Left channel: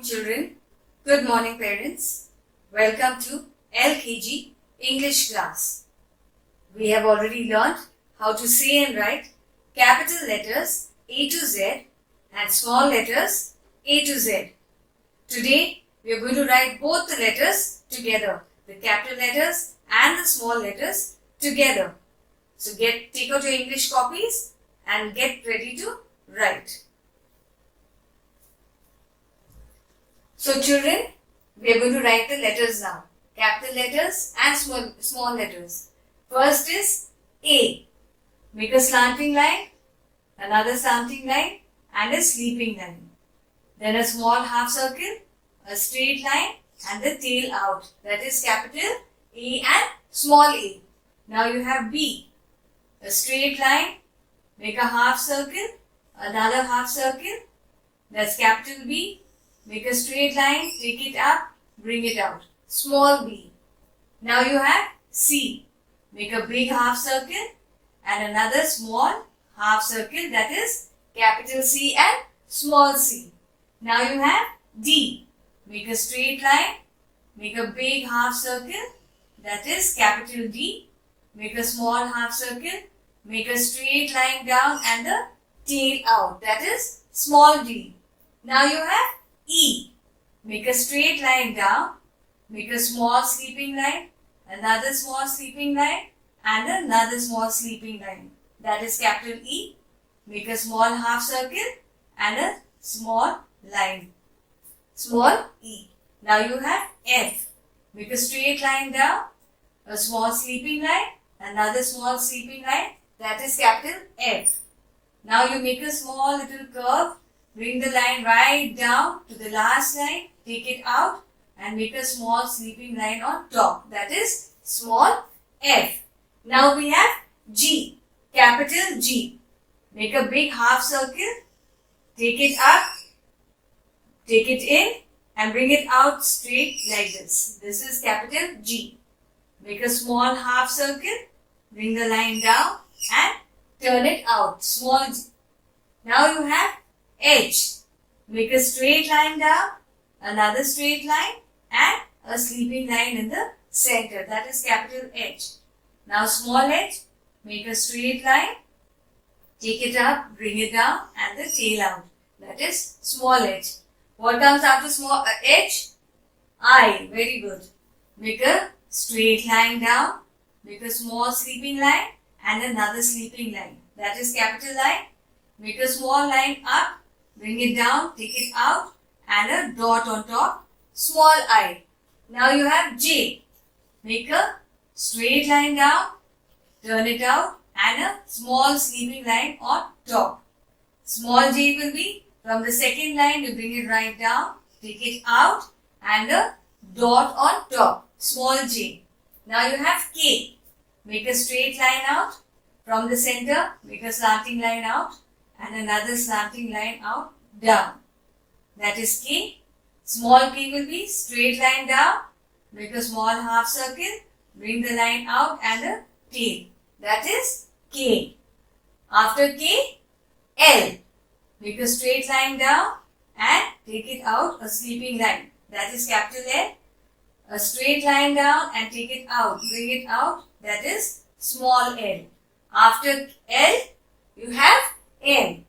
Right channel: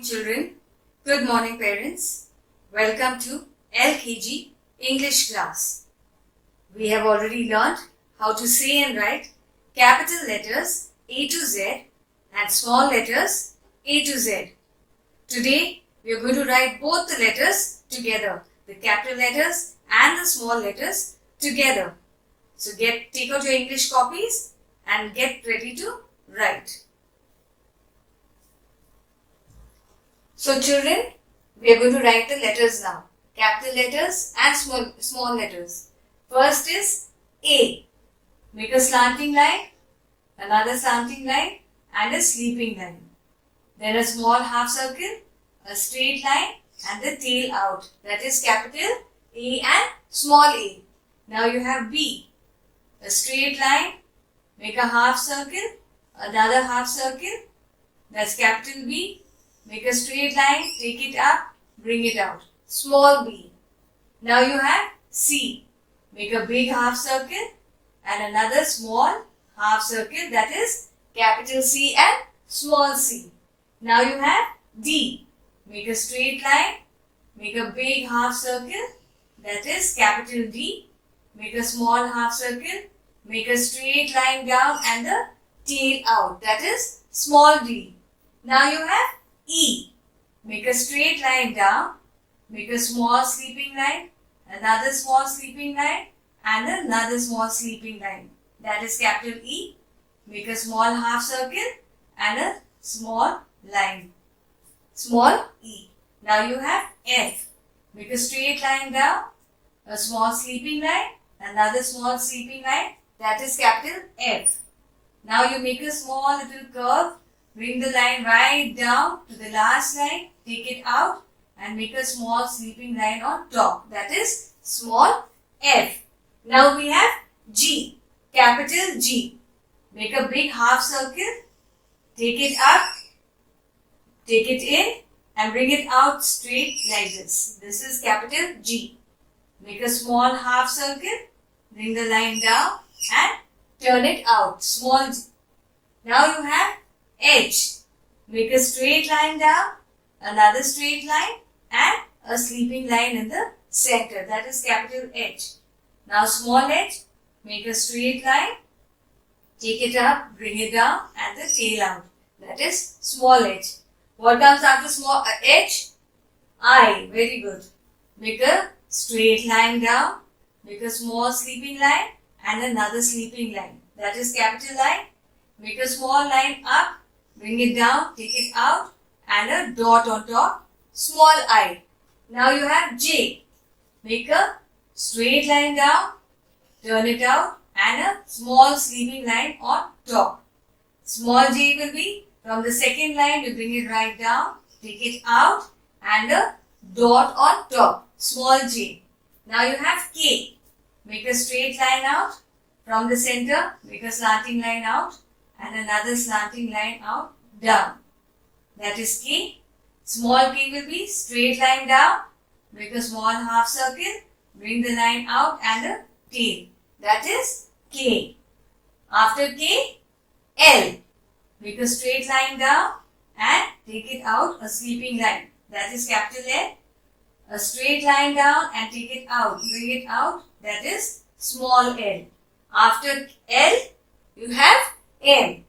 morning, children. Good morning, parents. Welcome to LKG English class. We have already learned how to say and write capital letters A to Z and small letters A to Z. Today, we are going to write both the letters together, the capital letters and the small letters together. So take out your English copies and get ready to write. So children, we are going to write the letters now. Capital letters and small letters. First is A. Make a slanting line, another slanting line and a sleeping line. Then a small half circle, a straight line and the tail out. That is capital A and small a. Now you have B. A straight line, make a half circle, another half circle. That's capital B. Make a straight line, take it up, bring it out. Small b. Now you have C. Make a big half circle and another small half circle, that is capital C and small c. Now you have D. Make a straight line, make a big half circle, that is capital D. Make a small half circle, make a straight line down and the tail out, that is small d. Now you have E. Make a straight line down, make a small sleeping line, another small sleeping line and another small sleeping line. That is capital E. Make a small half circle and a small line. Small e. Now you have F. Make a straight line down, a small sleeping line, another small sleeping line. That is capital F. Now you make a small little curve. Bring the line right down to the last line, take it out and make a small sleeping line on top. That is small f. Now we have G, capital G. Make a big half circle, take it up, take it in and bring it out straight like this. This is capital G. Make a small half circle, bring the line down and turn it out, small g. Now you have H. Make a straight line down, another straight line and a sleeping line in the center. That is capital H. Now small h. Make a straight line, take it up, bring it down and the tail out. That is small h. What comes after small h? I. Very good. Make a straight line down, make a small sleeping line and another sleeping line. That is capital I. Make a small line up, bring it down, take it out and a dot on top, small I. Now you have J. Make a straight line down, turn it out and a small sleeping line on top. Small j will be from the second line, you bring it right down, take it out and a dot on top, small j. Now you have K. Make a straight line out from the center, make a slanting line out and another slanting line out, down. That is K. Small k will be straight line down, make a small half circle, bring the line out and a tail. That is K. After K, L. Make a straight line down and take it out, a sleeping line. That is capital L. A straight line down and take it out, bring it out. That is small l. After L, you have N.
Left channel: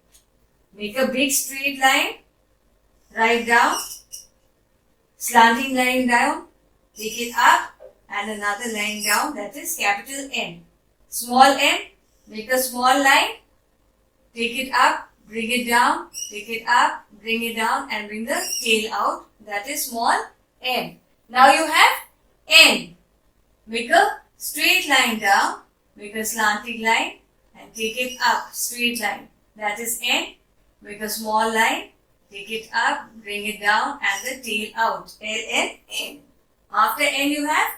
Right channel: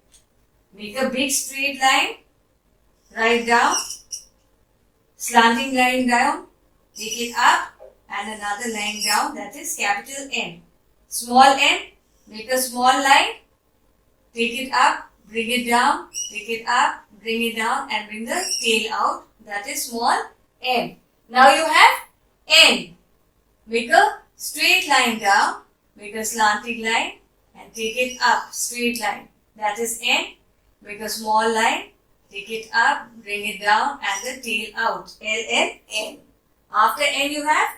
Make a big straight line, right down, slanting line down, take it up and another line down, that is capital N. Small n, make a small line, take it up, bring it down, take it up, bring it down and bring the tail out, that is small n. Now you have N. Make a straight line down, make a slanting line and take it up, straight line. That is N. Make a small line, take it up, bring it down and the tail out. L, N, N. After N you have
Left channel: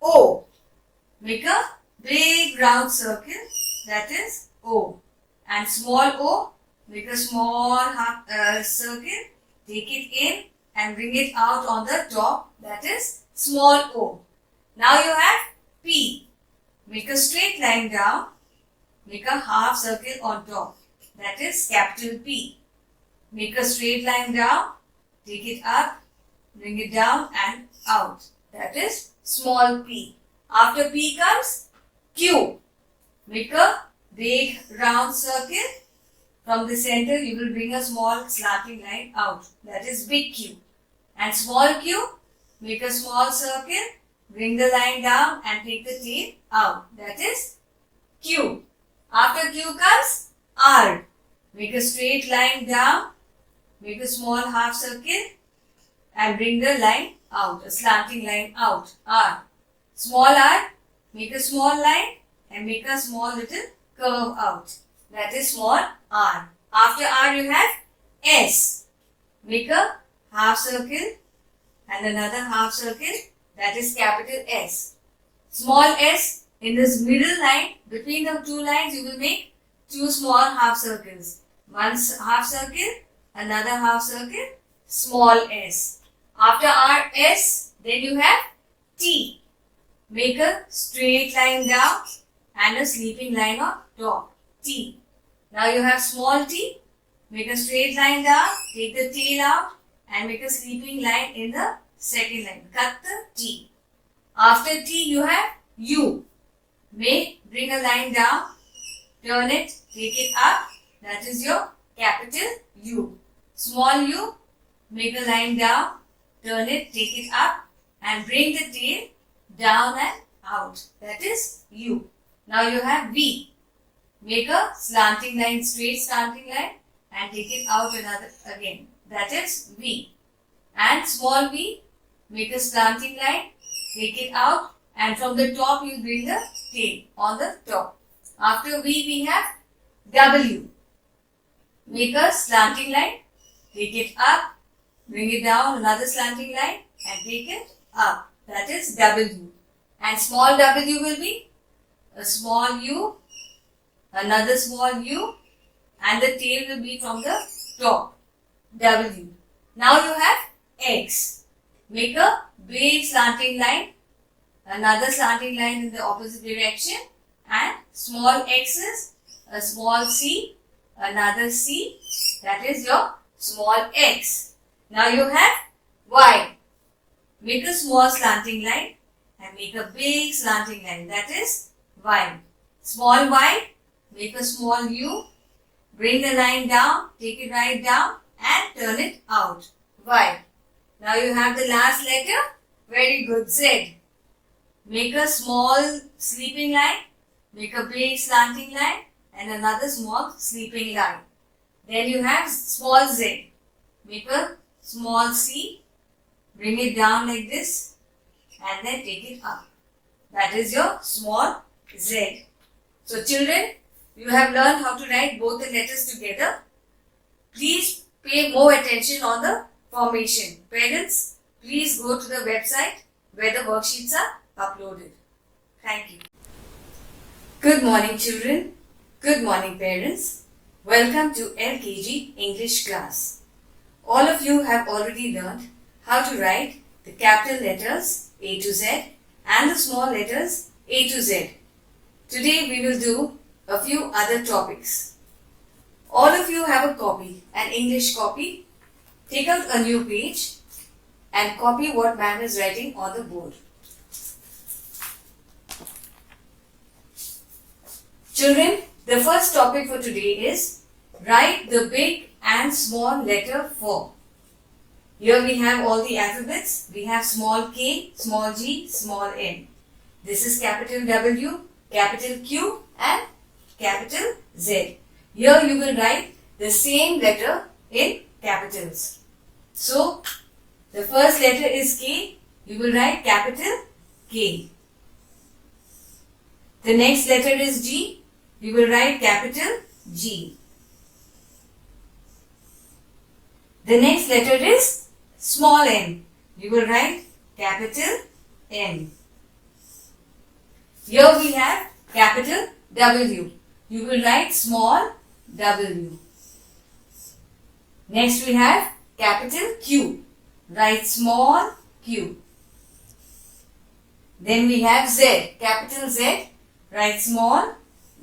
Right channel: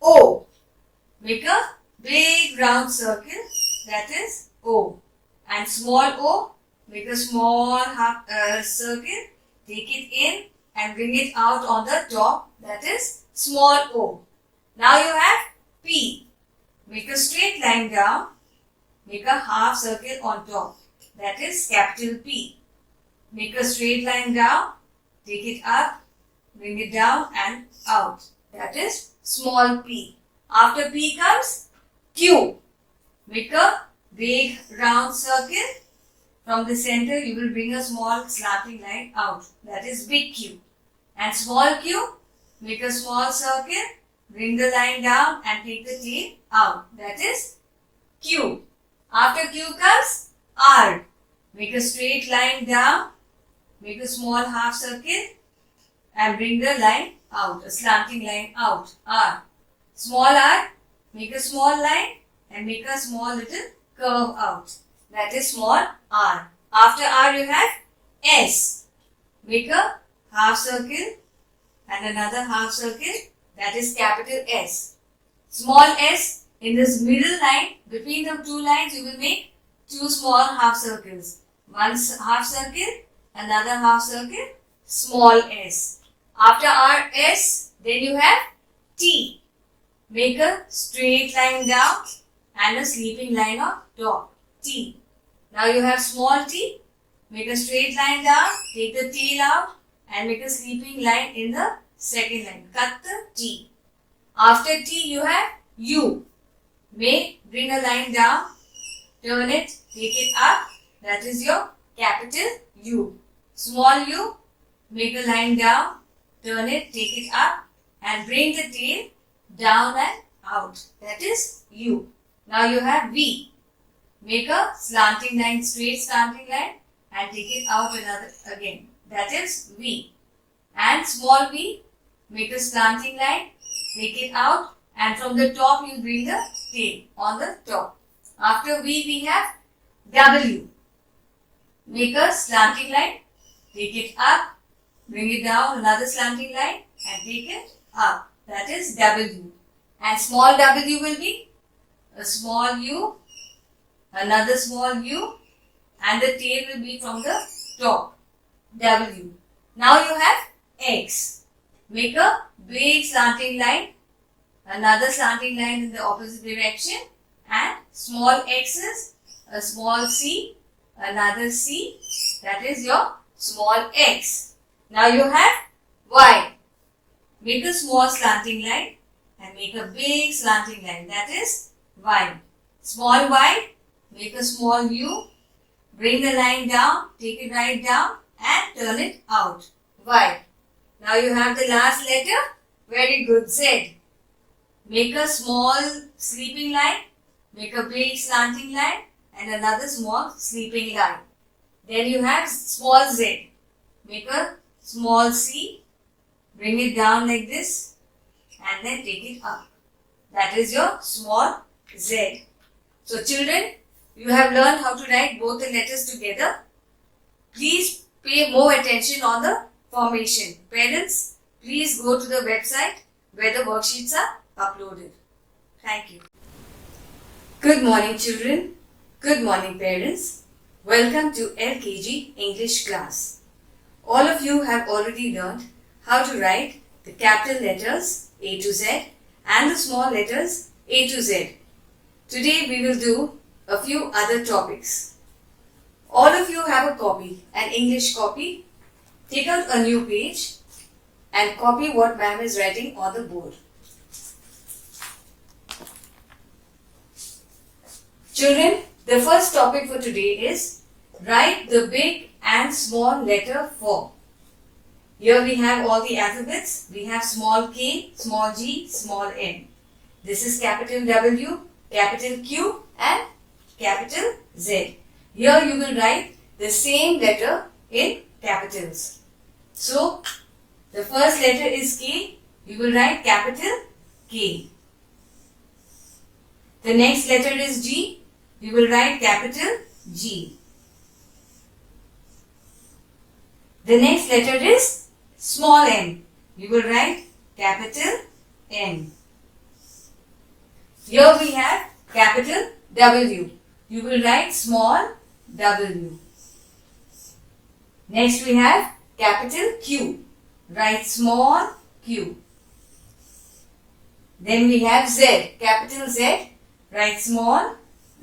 O. Make a big round circle, that is O. And small o, make a small half circle, take it in and bring it out on the top, that is small o. Now you have P. Make a straight line down, make a half circle on top. That is capital P. Make a straight line down, take it up, bring it down and out. That is small p. After p comes q. Make a big round circle. From the center you will bring a small slanting line out. That is big Q. And small q, make a small circle, bring the line down and take the tail out. That is q. After q comes r. Make a straight line down, make a small half circle and bring the line out, a slanting line out. R. Small r, make a small line and make a small little curve out. That is small r. After r you have s. Make a half circle and another half circle. That is capital S. Small s, in this middle line, between the two lines you will make two small half circles. One half circle, another half circle, small s. After r, s, then you have t. Make a straight line down and a sleeping line on top. T. Now you have small t. Make a straight line down, take the tail out and make a sleeping line in the second line. Cut the T. After T you have U. Bring a line down, turn it, take it up. That is your capital U. Small u, make a line down, turn it, take it up and bring the tail down and out. That is U. Now you have V. Make a slanting line, straight slanting line and take it out another again. That is V. And small v, make a slanting line, take it out and from the top you bring the tail on the top. After V we have W. Make a slanting line, take it up, bring it down another slanting line and take it up. That is W. And small w will be a small u, another small u and the tail will be from the top. W. Now you have X. Make a big slanting line, another slanting line in the opposite direction and small x's, a small c, another c, that is your small x. Now you have Y. Make a small slanting line and make a big slanting line, that is Y. Small y, make a small u, bring the line down, take it right down and turn it out. Y. Now you have the last letter. Very good. Z. Make a small sleeping line, make a big slanting line and another small sleeping line. Then you have small z. Make a small c, bring it down like this and then take it up. That is your small z. So children, you have learned how to write both the letters together. Please pay more attention on the formation. Parents, please go to the website where the worksheets are uploaded. Thank you. Good morning children. Good morning parents. Welcome to LKG English class. All of you have already learned how to write the capital letters A to Z and the small letters A to Z. Today we will do a few other topics. All of you have a copy, an English copy. Take out a new page and copy what ma'am is writing on the board. Children, the first topic for today is write the big and small letter for. Here we have all the alphabets. We have small k, small g, small n. This is capital W, capital Q and capital Z. Here you will write the same letter in capitals. So, the first letter is K. You will write capital K. The next letter is G. You will write capital G. The next letter is small m. You will write capital M. Here we have capital W. You will write small w. Next we have capital Q. Write small q. Then we have Z. Capital Z. Write small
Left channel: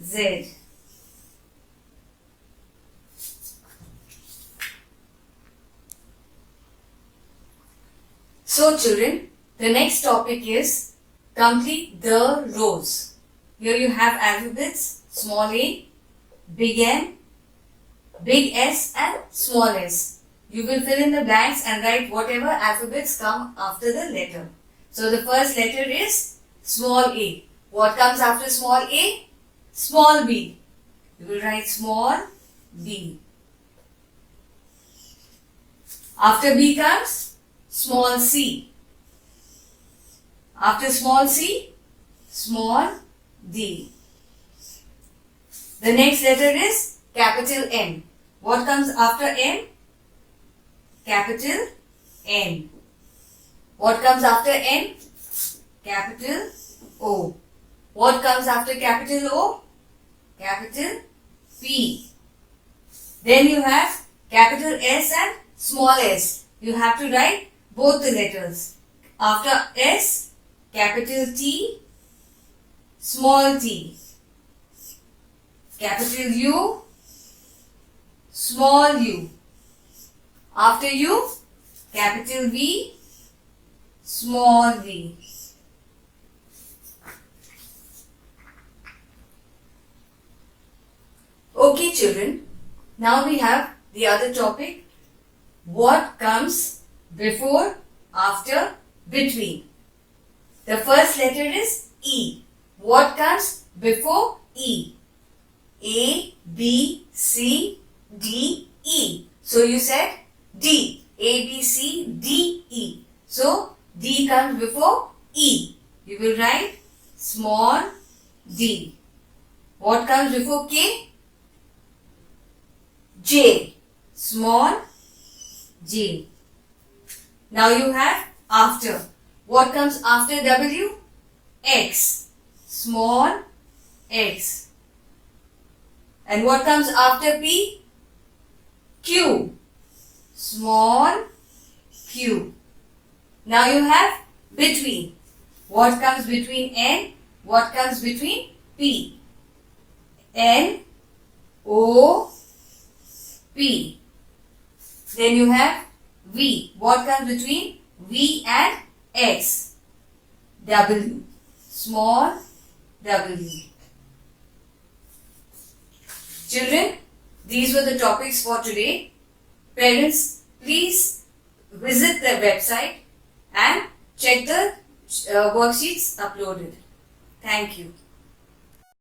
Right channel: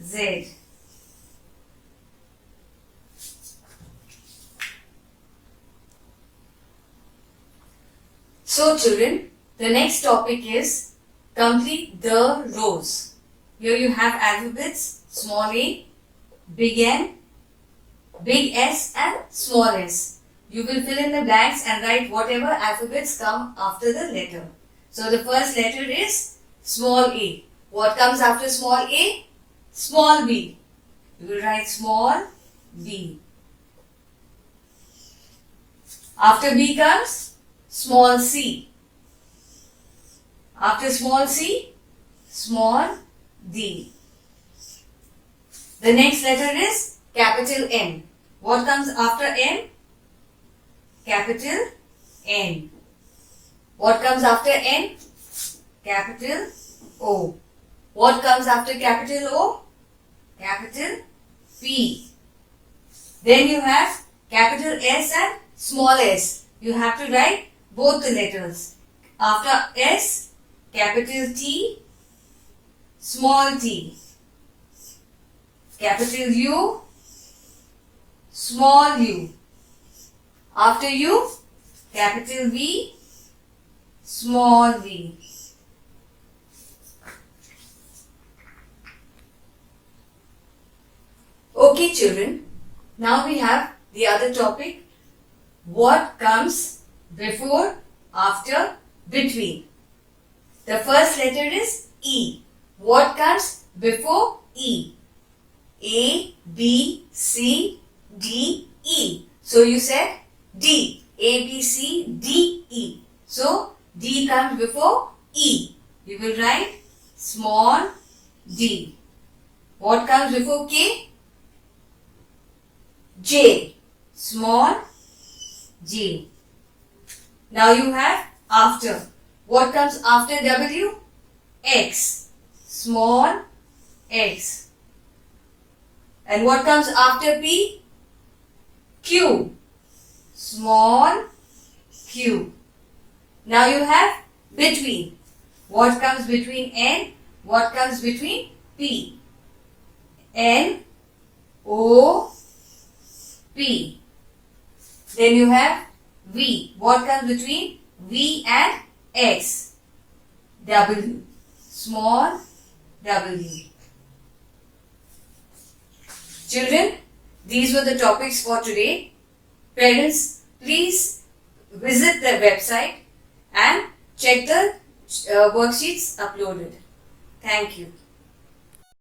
z. So children, the next topic is complete the rows. Here you have alphabets, small a, big M, big S and small s. You will fill in the blanks and write whatever alphabets come after the letter. So the first letter is small a. What comes after small a? Small b. You will write small b. After b comes small c. After small c, small d. The next letter is capital N. What comes after N? Capital N. What comes after N? Capital O. What comes after capital O? Capital P. Then you have capital S and small s. You have to write both the letters. After S, capital T, small t. Capital U, small u. After U, capital V, small v. Okay children, now we have the other topic. What comes before, after, between? The first letter is E. What comes before E? A, B, C, D, E. So you said D. A, B, C, D, E. So D comes before E. You will write small d. What comes before K? J. Small j. Now you have after. What comes after W? X. Small x. And what comes after P? Q. Small q. Now you have between. What comes between N? What comes between P? N, O, P. Then you have V. What comes between V and X? W. Small w. Children, these were the topics for today. Parents, please visit the website and check the worksheets uploaded. Thank you.